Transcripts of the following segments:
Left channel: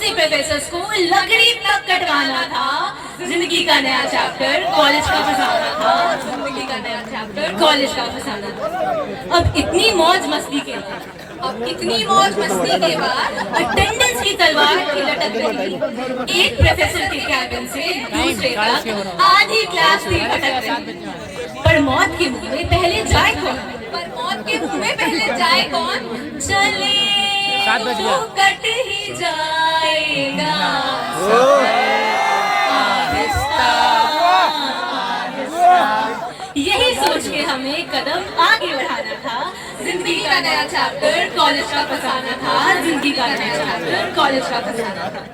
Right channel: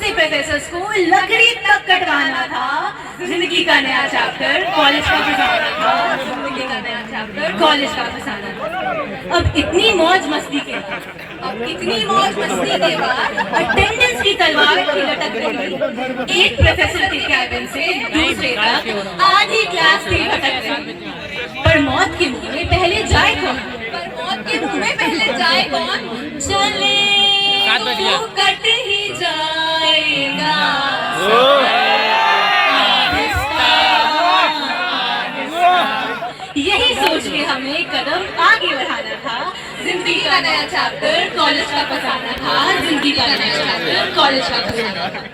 से प्रोफेसर्स को लकड़ी तक कटवाना था। जिंदगी का नया चैप्टर, कॉलेज का फसाना था। जिंदगी का नया चैप्टर, कॉलेज का फसाना था। अब इतनी मौज मस्ती के बाद अटेंडेंस की तलवार भी लटक गई। एक प्रोफेसर के कैबिन से दूसरे तक आधी क्लास भी भटक गई। पर मौत के मुंह में पहले जाए कौन? चले वो कट ही जाएगा। यही सोच के हमें कदम आगे बढ़ाना था। जिंदगी का नया चैप्टर, कॉलेज का फसाना था। जिंदगी का नया चैप्टर, कॉलेज का फसाना था।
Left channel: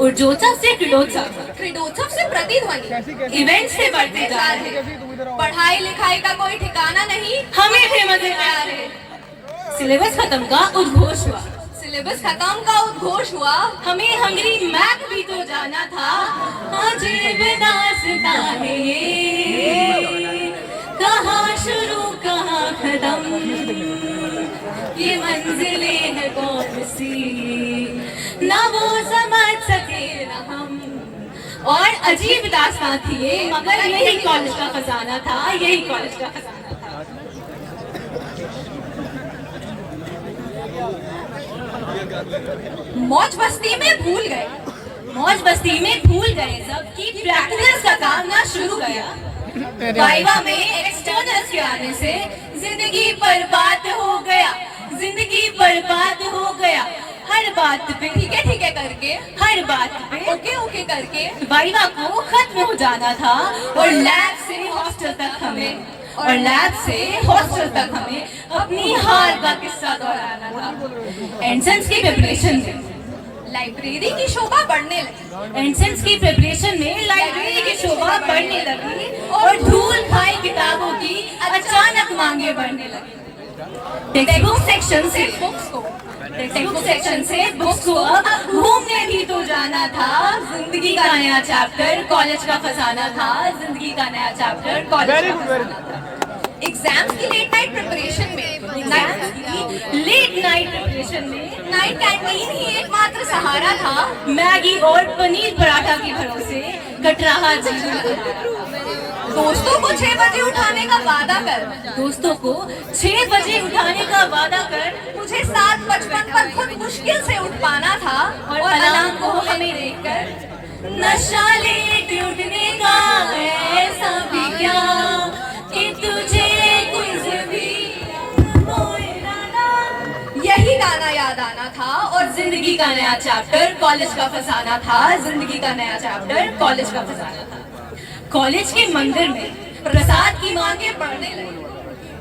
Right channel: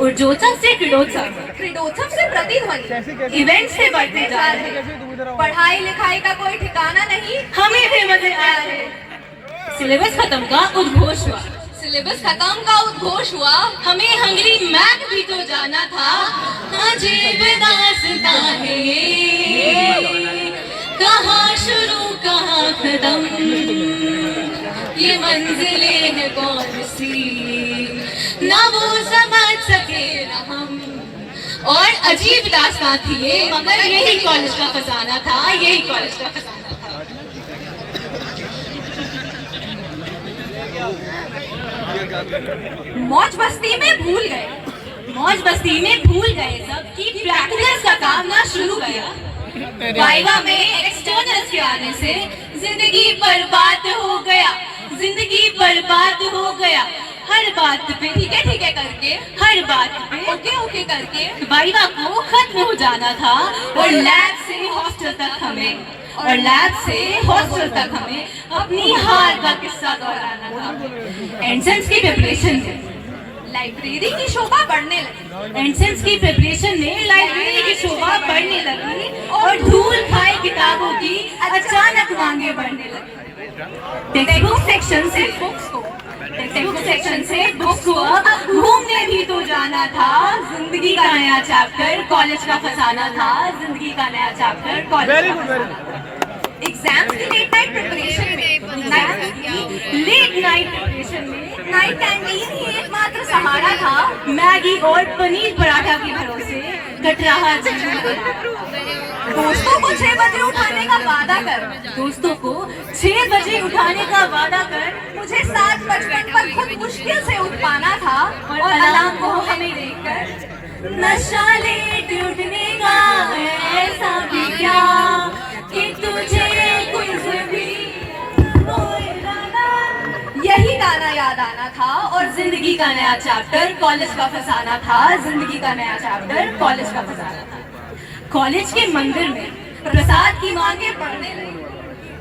उर्जोत्सव से क्रीडोत्सव से प्रतिध्वनि, इवेंट से बढ़ते जा रहे। पढ़ाई लिखाई का कोई ठिकाना नहीं, हमें भी मजे आ रहे। सिलेबस खत्म का उद्घोष हुआ। हमें हंगरी मैक भी तो जाना था। अजीब दास्तां है ये, कहाँ शुरू कहाँ खत्म, ये मंजिलें हैं कौन सी, ना वो समझ सके ना हम। और अजीब दास्तां थी ये, मगर यही कॉलेज का खजाना था, यही कॉलेज का खजाना था। मौज बस्ती में भूल गए सब कि प्रैक्टिकल्स का काम ना शुरू गया। वाइवा में एक्सटर्नल्स के आने से जिंदगी बर्बाद हो गया। हर बात पे ठीक है करके, हर बात पे ओके करके वाइवा को खत्म हो जाना था। और लैब से हॉस्टल तक हमें अपनी हार का किस्सा दोहराना था। एंट्रेंस की प्रिपरेशन में लाइब्रेरी की शोभा बढ़ने लगी और धूल खाई किताबों की अचानक मांगे बढ़ने लगी। टेक्स्ट बुक सेक्शन से बुक्स को घूमने भी तो जाना था। जिंदगी का नया चैप्टर, कॉलेज का फसाना था। जिंदगी का नया चैप्टर, कॉलेज का फसाना था। एग्जाम्स की लेट नाइट प्रिपरेशन में नाइट कैंटीन ही एकमात्र सहारा था। मैगी और पनीर पराठा के भरोसे कट रहा जीवन। दोस्तों को 6 बजे उठाने का वादा कर मुझे 7:55 पर खुद मुश्किल से उठ पाना था। और अलार्म को हमें देखकर नशा लेट उठने का ऐसा भी क्या कि तुझे कुछ भी यही गाना याद आना था। और जिंदगी का नया चैप्टर, कॉलेज का फसाना था। जिंदगी का नया चैप्टर, कॉलेज का फसाना था। कॉलेज के मंदिर में प्रसाद की मांगे पड़ने लगी।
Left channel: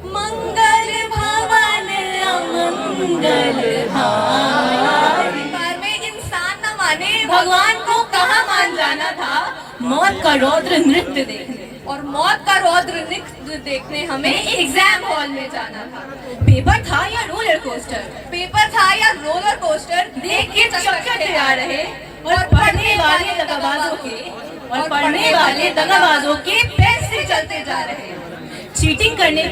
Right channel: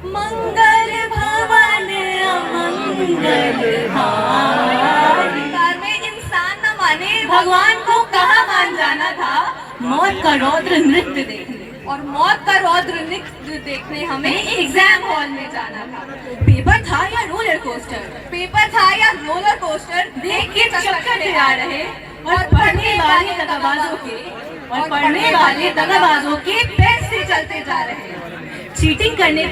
मंगल भवन अमंगल हारी में इंसान न माने भगवान को कहाँ मान जाना था। मौत का रौद्र नृत्य देखने हमें एग्जाम हॉल में जाना था। पेपर था या रोलर कोस्टर देख के चक्कर आ रहे। और पढ़ने वाले दगाबाजों के पैर से चलते जा रहे हैं। चीटिंग करने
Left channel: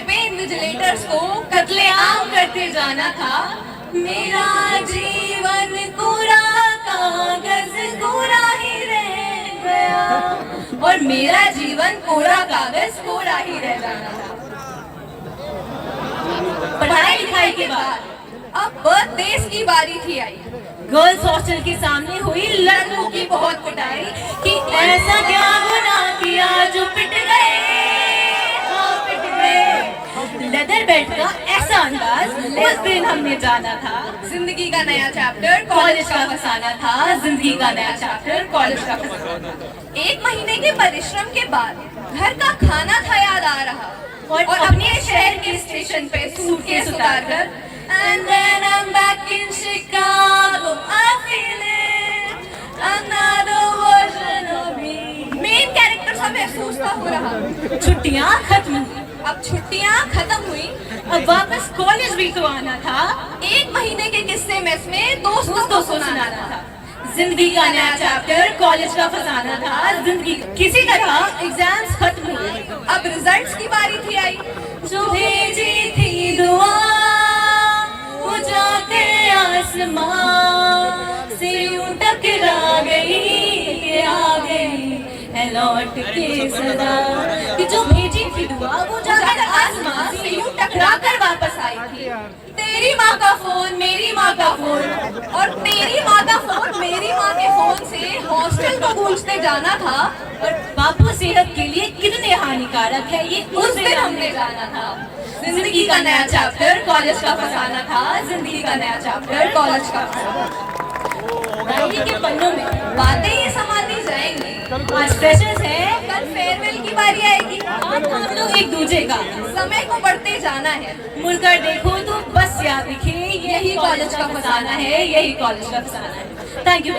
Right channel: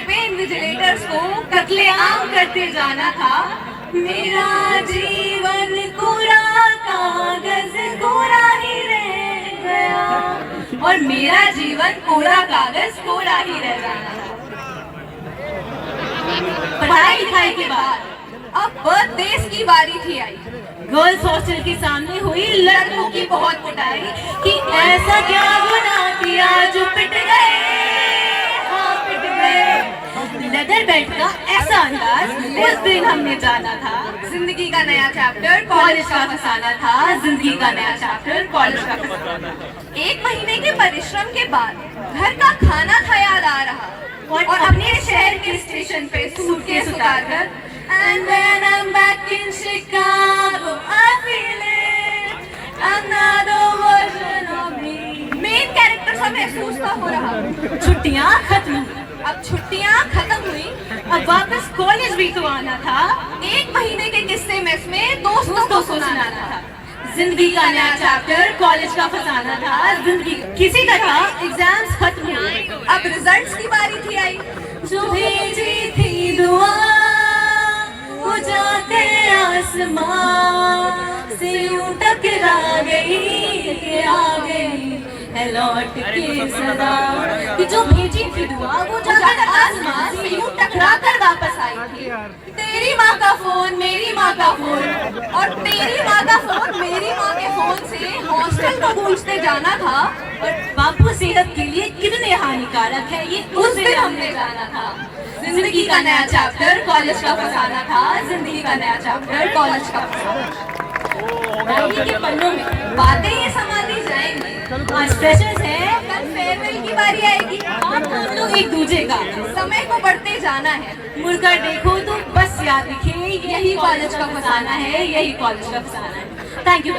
पे इन्विजिलेटर्स को कत्लेआम करते जाना था। मेरा जीवन कोरा कागज कोरा ही रह गया। और मेरा जीवन कोरा कागज कोरा ही रह जाना था। पढ़ाई लिखाई के बाद अब बर्थडेज की बारी थी आई। गर्ल्स हॉस्टल के सामने हुई लड़कों की बहुत कुटाई कि ऐसा क्या गुनाह किया जो पिट गए। लेदर बेड का ऐसा अंदाज, उस दिन हमने जाना था। जिंदगी का नया चैप्टर, कॉलेज का फसाना था। जिंदगी का नया चैप्टर, कॉलेज का फसाना था। 1 महीने के परिश्रम के बाद घर का खाना था याद आ रहा। और अपने शहर के स्टेशन पे सूटकेस उतारकर And then I'm back in Chicago, I feel it, another version of me. Main character सा महसूस हो रहा। छुट्टियाँ खत्म हुई। अब वापस कॉलेज भी तो आना था। 1 महीने के किस्से मेस में दोस्तों को सुनाना था। जिंदगी का नया चैप्टर, कॉलेज का फसाना था। जिंदगी किसी तरह एग्जाम्स खत्म हुए। अब रिजल्ट्स की बारी थी आई। जो भेजी थी दुआ वो जाते आसमां से यूं टकरा गई कि आ गई है लौट के सदा, कि जो भेजी थी दुआ वो जाकर आसमां से यूं टकरा कर वापस आई थी। तेरी माँ का फोन, मेरी माँ का फोन, और तेरी माँ का फोन मेरी माँ के फोन से हॉस्टल को पूछते जाना था। और बापू सेहत के लिए कितने हानिकारक है ये उस दिन हमने जाना था। जिंदगी का नया चैप्टर कॉलेज का फसाना था, जिंदगी का नया चैप्टर कॉलेज का फसाना। डायरी के पन्नों में बातें ये समाती जाएंगी। आज फ्रेशर्स है, कल फेयरवेल की बारी आएगी। आप हम लोग एक दूसरे का समय को बढ़ते जाना है। मुड़कर देखो तो बस याद रखे यही कॉलेज का फसाना है, यही कॉलेज का फसाना है। Thank you.